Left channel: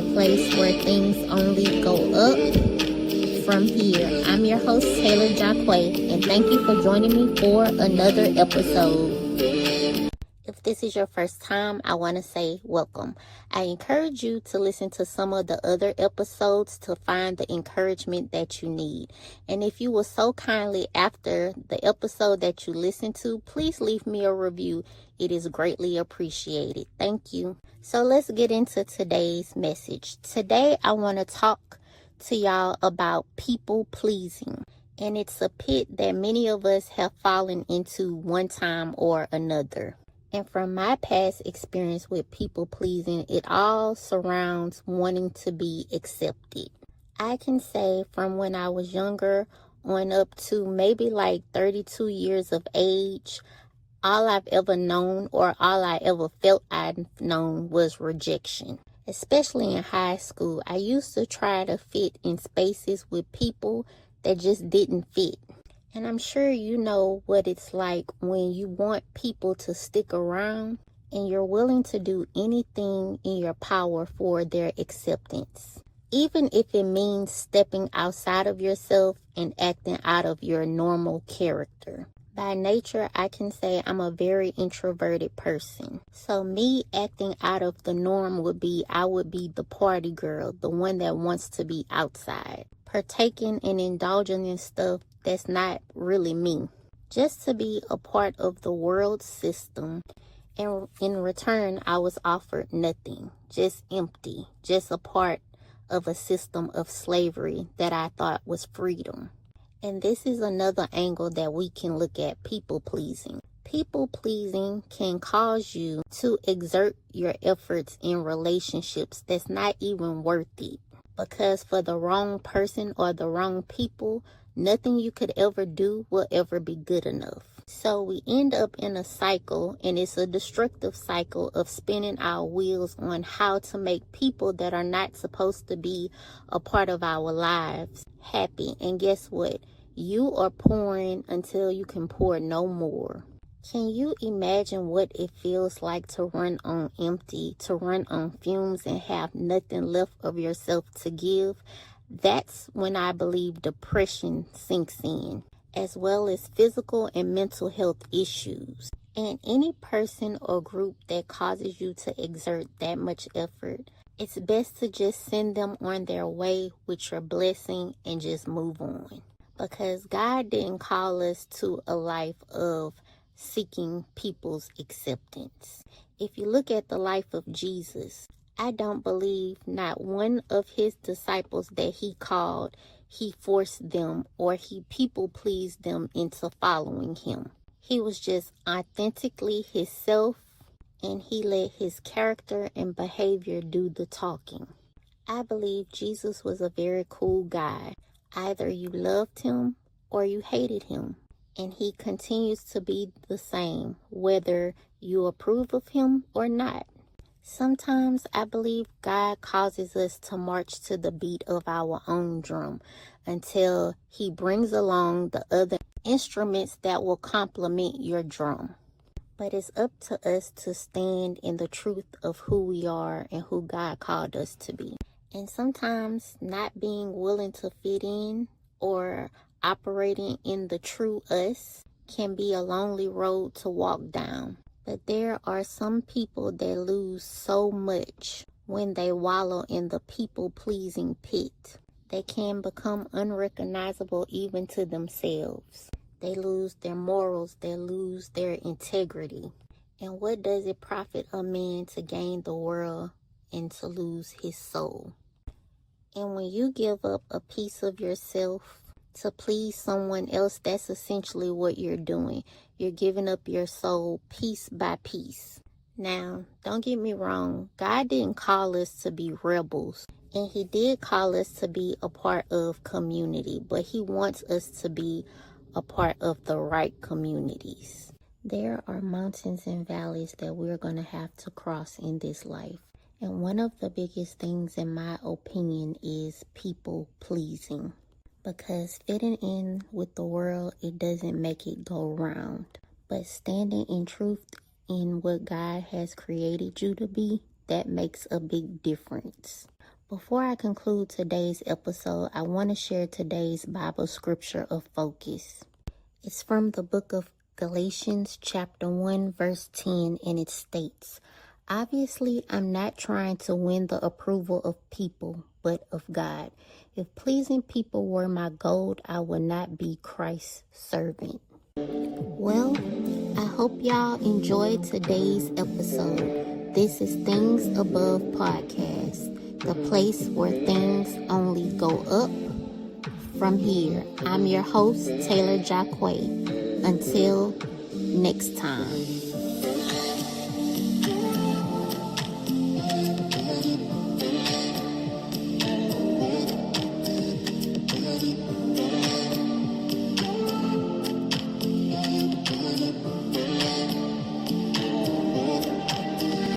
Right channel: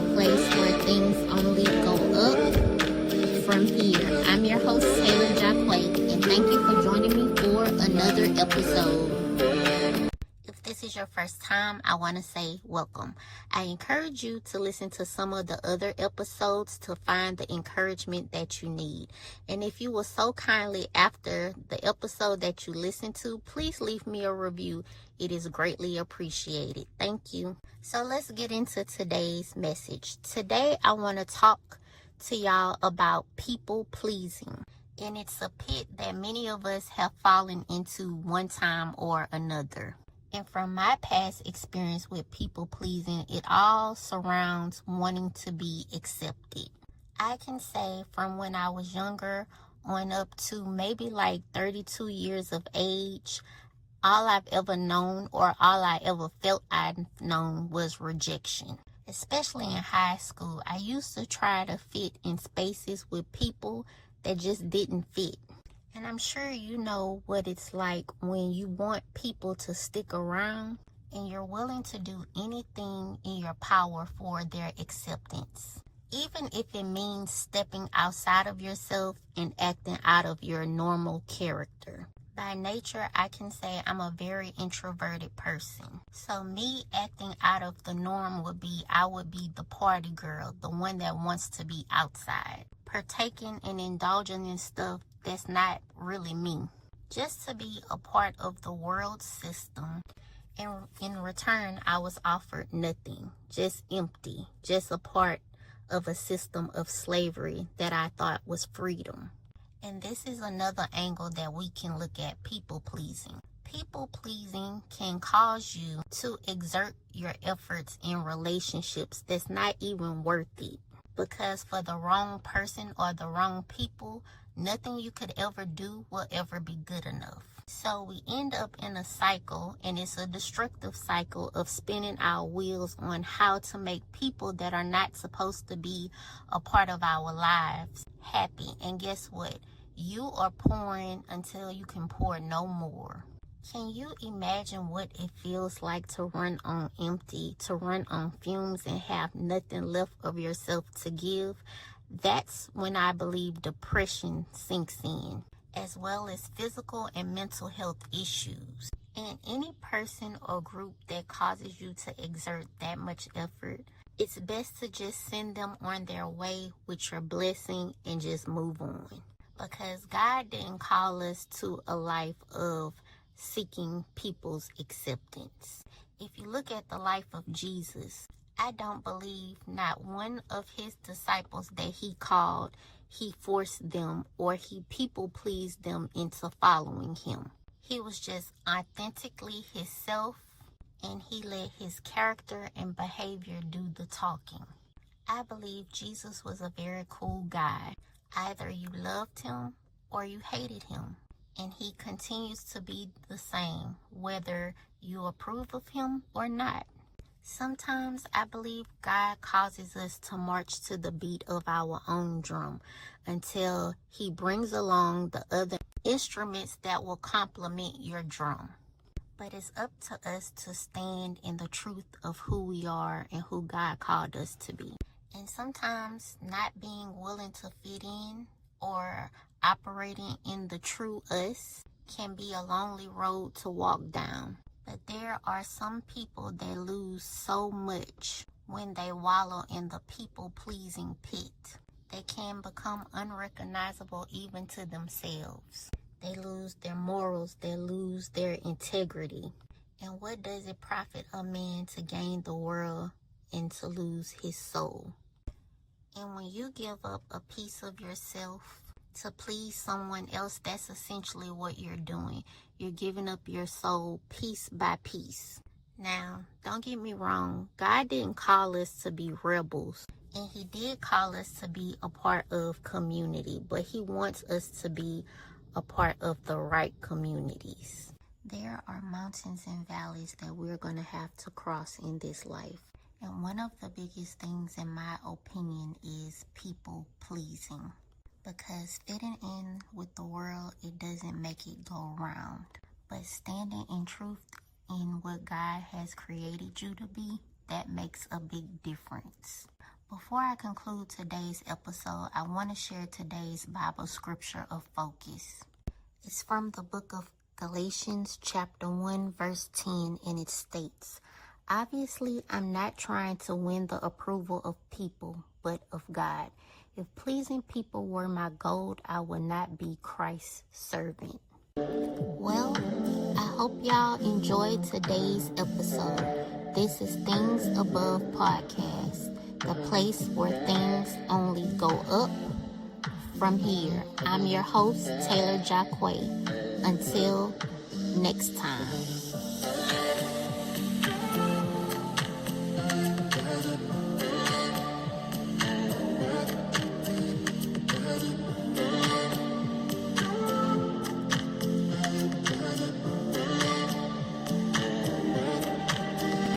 the place where things only go up from here. I'm your host, Taylar, and thank you for joining me for another episode. If this is your first time, I want to say welcome. I encourage you to listen to some of the other episodes to find the encouragement that you need. And if you will so kindly, after the episode that you listen to, please leave me a review. It is greatly appreciated. Thank you. So let's get into today's message. Today, I want to talk to y'all about people pleasing. And it's a pit that many of us have fallen into one time or another. And from my past experience with people pleasing, it all surrounds wanting to be accepted. I can say from when I was younger on up to maybe like 32 years of age, all I've ever known or all I ever felt I'd known was rejection. Especially in high school, I used to try to fit in spaces with people that just didn't fit. And I'm sure you know what it's like when you want people to stick around and you're willing to do anything in your power for their acceptance. Even if it means stepping outside of yourself and acting out of your normal character. By nature, I can say I'm a very introverted person. So me acting out of the norm would be, I would be the party girl, the one that wants to be outside, partaking and indulging in stuff that's not really me, just to be a part of the world system. And in return, I was offered nothing, just empty, just a part of a system of slavery that I thought was freedom. And this is another angle that we can look at people pleasing. People pleasing can cause you to exert your efforts in relationships that's not even worth it. Because for the wrong person or the wrong people, nothing you could ever do will ever be good enough. So we end up in a cycle, and it's a destructive cycle of spinning our wheels on how to make people that are not supposed to be a part of our lives happy. And guess what? You are pouring until you can pour no more. Can you imagine what it feels like to run on empty, to run on fumes and have nothing left of yourself to give? That's when I believe depression sinks in, as well as physical and mental health issues. And any person or group that causes you to exert that much effort, it's best to just send them on their way with your blessing and just move on. Because God didn't call us to a life of seeking people's acceptance. If you look at the life of Jesus, I don't believe not one of his disciples that he called, he forced them or he people pleased them into following him. He was just authentically himself, and he let his character and behavior do the talking. I believe Jesus was a very cool guy. Either you loved him or you hated him. And he continues to be the same, whether you approve of him or not. Sometimes I believe God causes us to march to the beat of our own drum until he brings along the other instruments that will complement your drum. But it's up to us to stand in the truth of who we are and who God called us to be. And sometimes not being willing to fit in or operating in the true us can be a lonely road to walk down. But there are some people that lose so much when they wallow in the people-pleasing pit. They can become unrecognizable even to themselves. They lose their morals, they lose their integrity. And what does it profit a man to gain the world and to lose his soul? And when you give up a piece of yourself to please someone else, that's essentially what you're doing. You're giving up your soul piece by piece. Now, don't get me wrong. God didn't call us to be rebels. And he did call us to be a part of community. But he wants us to be a part of the right communities. There are mountains and valleys that we're going to have to cross in this life. And one of the biggest things, in my opinion, is people pleasing. Because fitting in with the world, it doesn't make it go round. But standing in truth in what God has created you to be, that makes a big difference. Before I conclude today's episode, I want to share today's Bible scripture of focus. It's from the book of Galatians chapter 1 verse 10, and it states, "Obviously, I'm not trying to win the approval of people, but of God. If pleasing people were my goal, I would not be Christ's servant." Well, I hope y'all enjoyed today's episode. This is Things Above Podcast, the place where things only go up from here. I'm your host, Taylar. Until next time.